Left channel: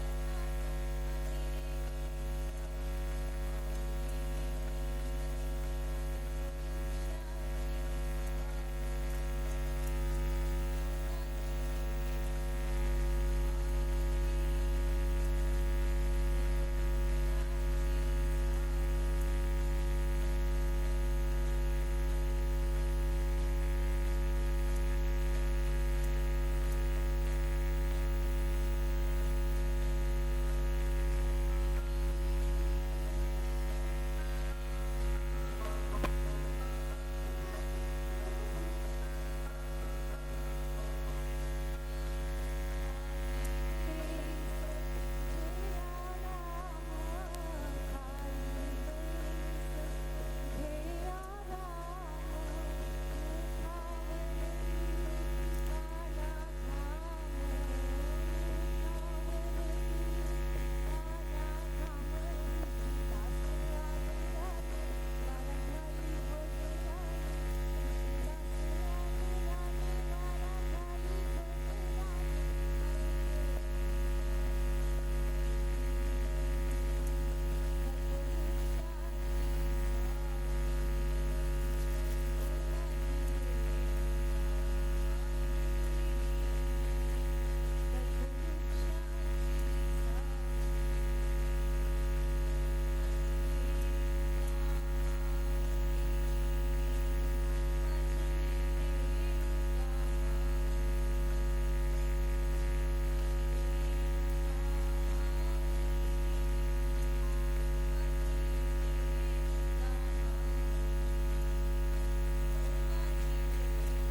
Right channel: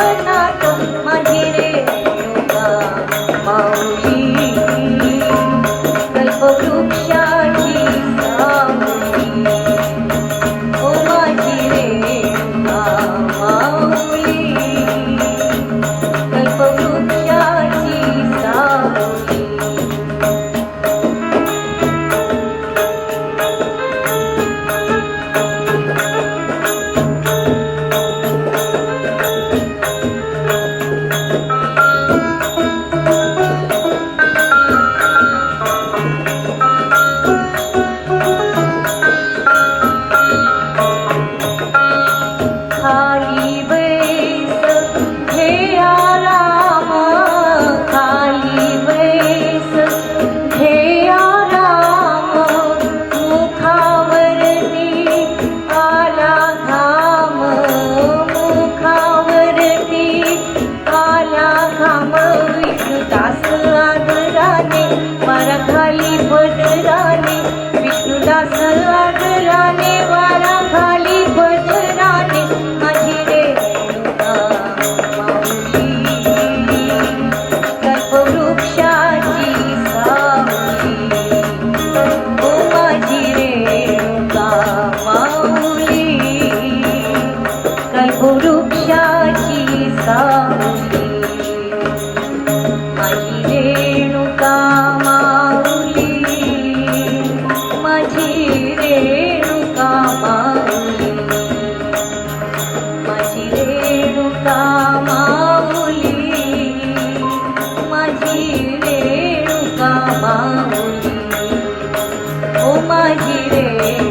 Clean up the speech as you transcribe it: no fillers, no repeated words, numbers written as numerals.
वृंदावनात माझी रेणुका माऊली कल्पवृक्षाची सावली ओ माझी रेणुका माऊली कल्पवृक्षाची सावली खाली बैस घे आराम खाली बैस घे आराम मुखावरती आला घाम मुखावरती आला घाम विष्णुदास आदराने वारा खाली पदराने विष्णुदास आदराने वारा खाली पदराने माझी रेणुका माऊली कल्पवृक्षाची सावली ओ माझी रेणुका माऊली कल्पवृक्षाची सावली माझी रेणुका माऊली माझी रेणुका माऊली माझी रेणुका माऊली माझी रेणुका माऊली ओ माझी रेणुका